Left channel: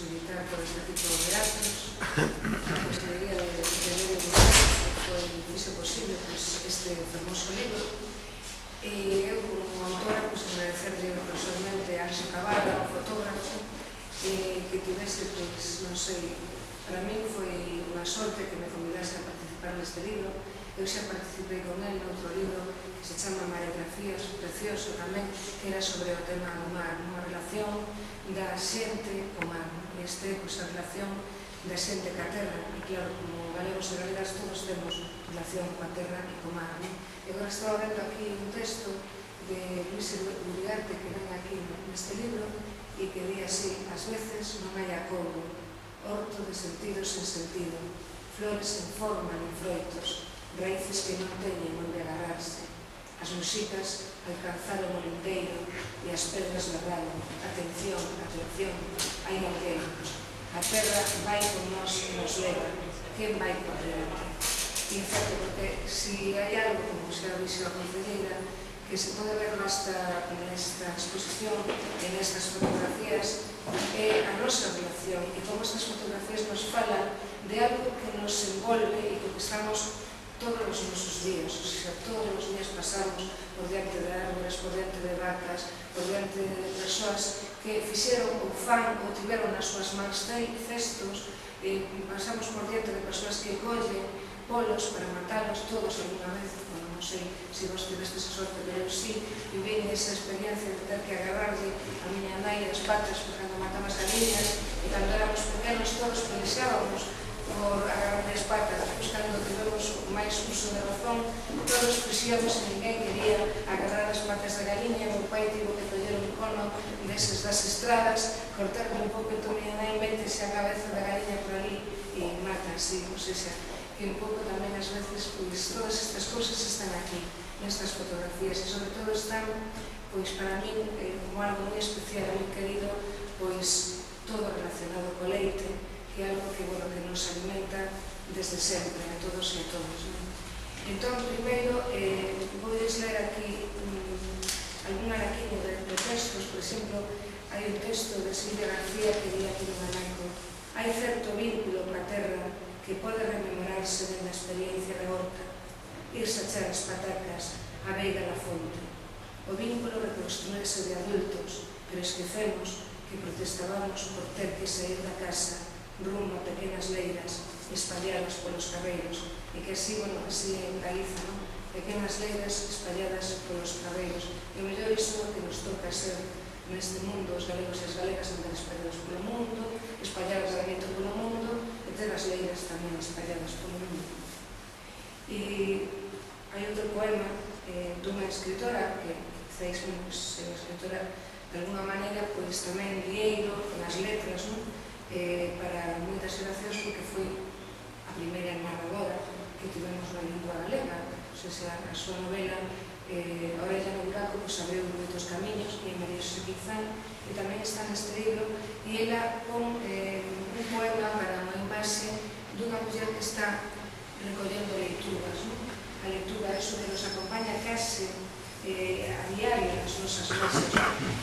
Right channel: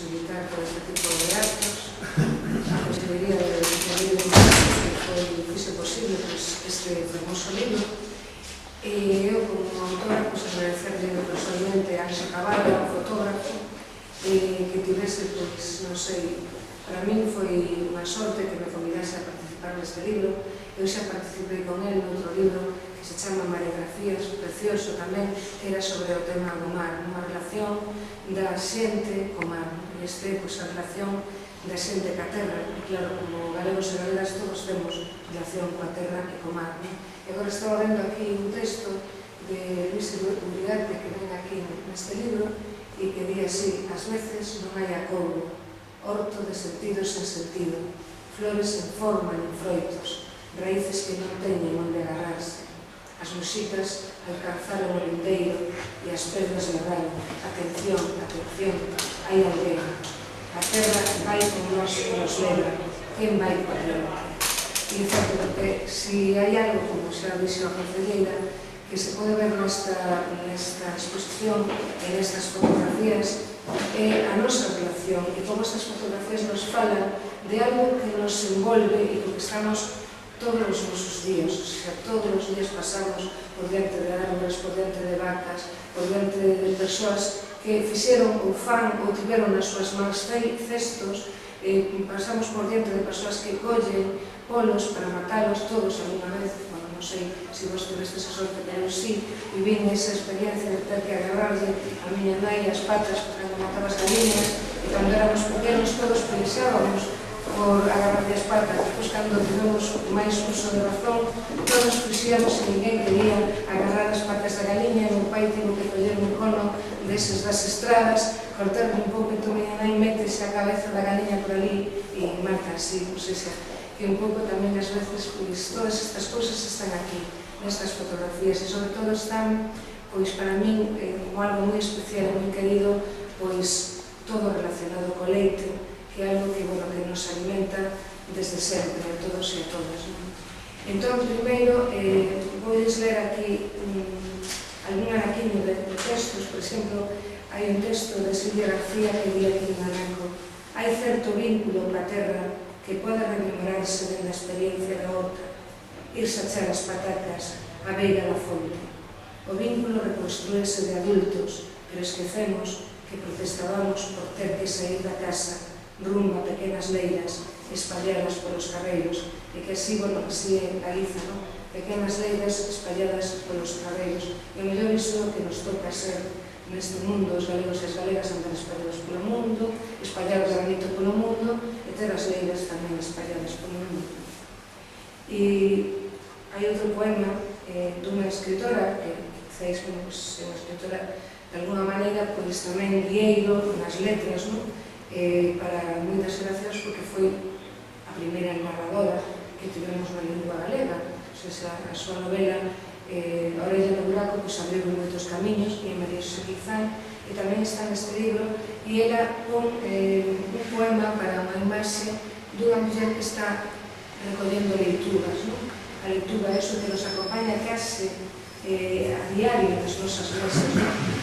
posibilitar por este tipo de actos, a Consellería de Medio Ambiente que fixe posible este famoso libro. E eu, como autora, agradecerle personalmente a Anxa Cabada, un fotógrafo, que tivese, non sei, para min foi unha sorte que me convidase a participar neste libro. Eu xa participei con él noutro libro que se chama Maregrafías, precioso tamén, que era sobre o tema do mar, unha relación da xente co mar. E este, a relación da xente ca terra. E claro, como galegos e galegas todos temos relación coa terra e co mar. E agora estaba vendo aquí un texto de Luis Uriarte que ven aquí neste libro e que di así: as veces non hai acougo, horto de sentido sen sentido, flores sen forma nin froitos, raíces que non teñen onde agarrarse. As muxicas alcanzaron o lindeiro e as pedras ladraron. Atención, atención, hai alguén. A terra vai con nós e nos leva. Quen vai por diante? E é certo, porque se hai algo, como xa dixo a concelleira, que se pode ver nesta exposición e nestas fotografías, é a nosa relación e como estas fotografías nos falan de algo que nos envolve e que estamos todos os nosos días, o sea, todos os días pasamos por diante de árboles, por diante de vacas, por diante de persoas que fixeron ou fan ou tiveron nas súas mans cestos, pasamos por diante de persoas que collen polos para matalos todos alguna vez. Bueno, non sei se vos tivestes a sorte, pero eu sí, vivín esa experiencia de ter que agarrarlle a miña nai as patas cando mataba as galiñas, e cando éramos pequenos todos pelexábamos por agarrarlle as patas. Depois, cando tivemos máis uso de razón, todos fixíamos e ninguén quería agarrar as patas da galiña. O meu pai tivo que coller un cono deses das estradas, cortarme un pouco, entón miña nai metese a cabeza da galiña por ali e mata así. O sea, que un pouco tamén ás veces, pois, todas estas cousas están aquí, nestas fotografías, e sobre todo están, pois, para min, como algo moi especial e moi querido, pois, todo relacionado co leite, que é algo que, bueno, que nos alimenta desde sempre, a todos e a todas. Entón, primeiro, vou ler aquí algún anaquiño de textos. Por exemplo, hai un texto de Silvia García que di aquí un anaco: hai certo vínculo coa terra que pode rememorarse dende a experiencia da horta, irse a echar as patacas á beira da fonte. O vínculo reconstruíse de adultos, pero esquecemos que protestábamos por ter que sair da casa rumbo a pequenas leiras espalladas polos carreiros, e que así, bueno, así en Galiza, non? Pequenas leiras espalladas polos carreiros. E o mellor iso que nos toca ser neste mundo, os galegos e as galegas andar espallados polo mundo, espallar o granito polo mundo e ter as leiras tamén espalladas polo mundo. E hai outro poema dunha escritora que, quizás, bueno, é unha escritora de alguna maneira, pois tamén guieiro nas letras, non? Para moitas xeracións, porque foi a primeira narradora que tivemos na lingua galega. O sea, a súa novela A orella no buraco abriu moitos camiños, e María Xosé Quizán, e tamén está neste libro, e ela pon un poema para unha imaxe dunha muller que está recollendo leitugas. A leitura é iso que nos acompaña case a diario nas nosas mesas,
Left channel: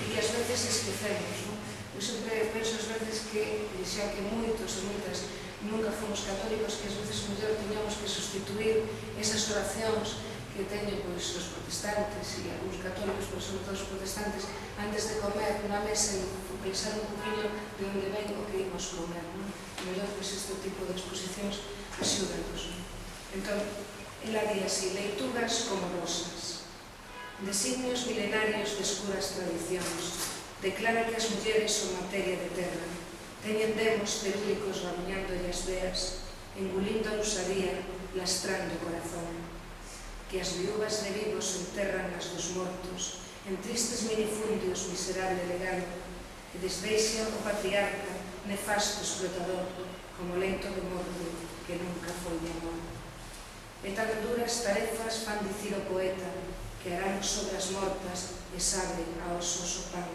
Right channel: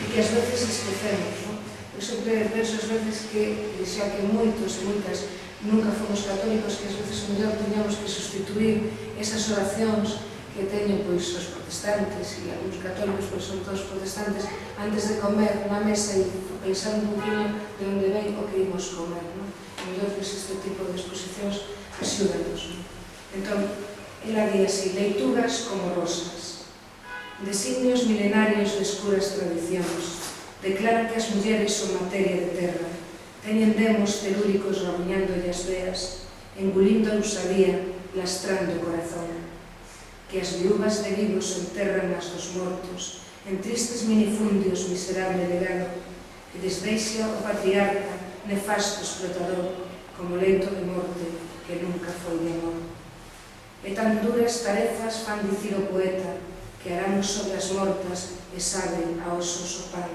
e que ás veces esquecemos. Eu sempre penso ás veces que, xa que moitos e moitas nunca fomos católicos, que ás veces mellor tiñamos que sustituir esas oracións que teñen, pois, os protestantes e algúns católicos, pois son todos protestantes, antes de comer na mesa, e pensar un poquinho de onde ven o que imos comer, non? E mellor, pois, este tipo de exposicións axúdanos. Entón, ela di así: leituras como rosas, designios milenarios de escuras tradicións, declara que as mulleres son materia de terra, teñen demos telúricos ramuñándolle as veas, engulindo a usadía, lastrando o corazón, que as viúvas de vivos enterran as dos mortos, en tristes minifundios miserable legado, que desdeixa o patriarca, nefasto explotador, como leito de morte que nunca foi de amor. E tan duras tarefas fan dicir o poeta, que harán sobre as mortas e sabe a osos o pan,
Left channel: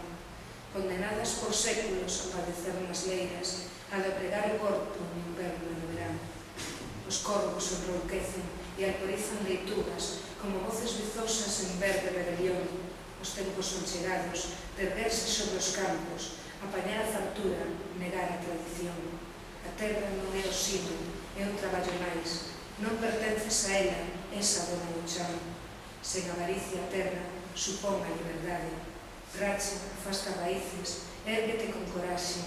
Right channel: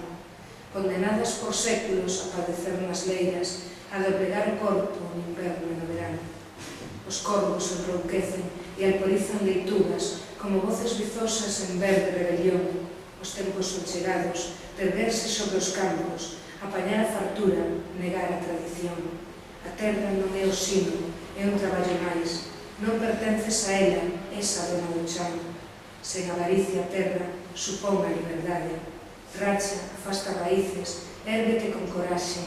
condenadas por séculos a padecer nas leiras, a doblegar o corpo no inverno e no verano. Os corvos enrouquecen e alporizan leituras como voces bizosas en verde rebelión, Os tempos son chegados, de erguerse sobre os campos, apañar a fartura, negar a tradición. A terra non é o sino, é un traballo máis. Non pertences a ela, esa dona do chan. Sen avaricia a terra, supón a liberdade. Racha, afasta raíces, érguete con coraxe.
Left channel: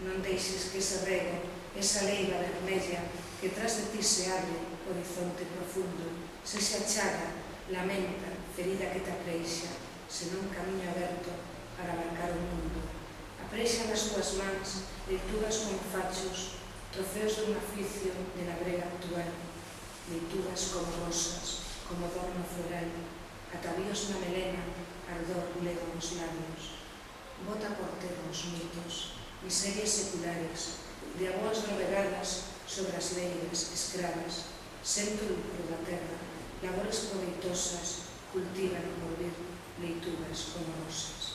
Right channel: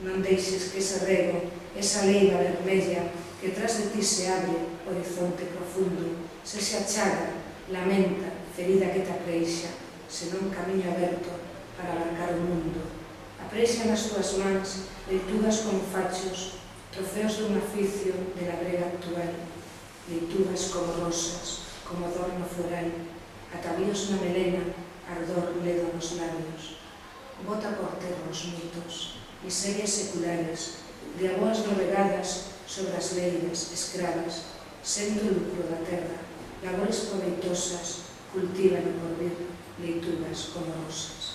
Non deixes que ese rego, esa leiga vermella, que tras de ti se abre, horizonte profundo, se achaga, lamenta, ferida que te apreixa, senón camiño aberto para abarcar o mundo. Apreixa nas tuas mans, leitugas como fachos, trofeos dun oficio de la brega actual, leitugas como rosas, como adorno floral, atavíos na melena, ardor ledo nos labios. Bota por terra os mitos, miserias seculares, de aboas navegadas sobre as leiras escravas, sento o lucro da terra, labores proveitosas, cultiva no porvir, leitugas como rosas.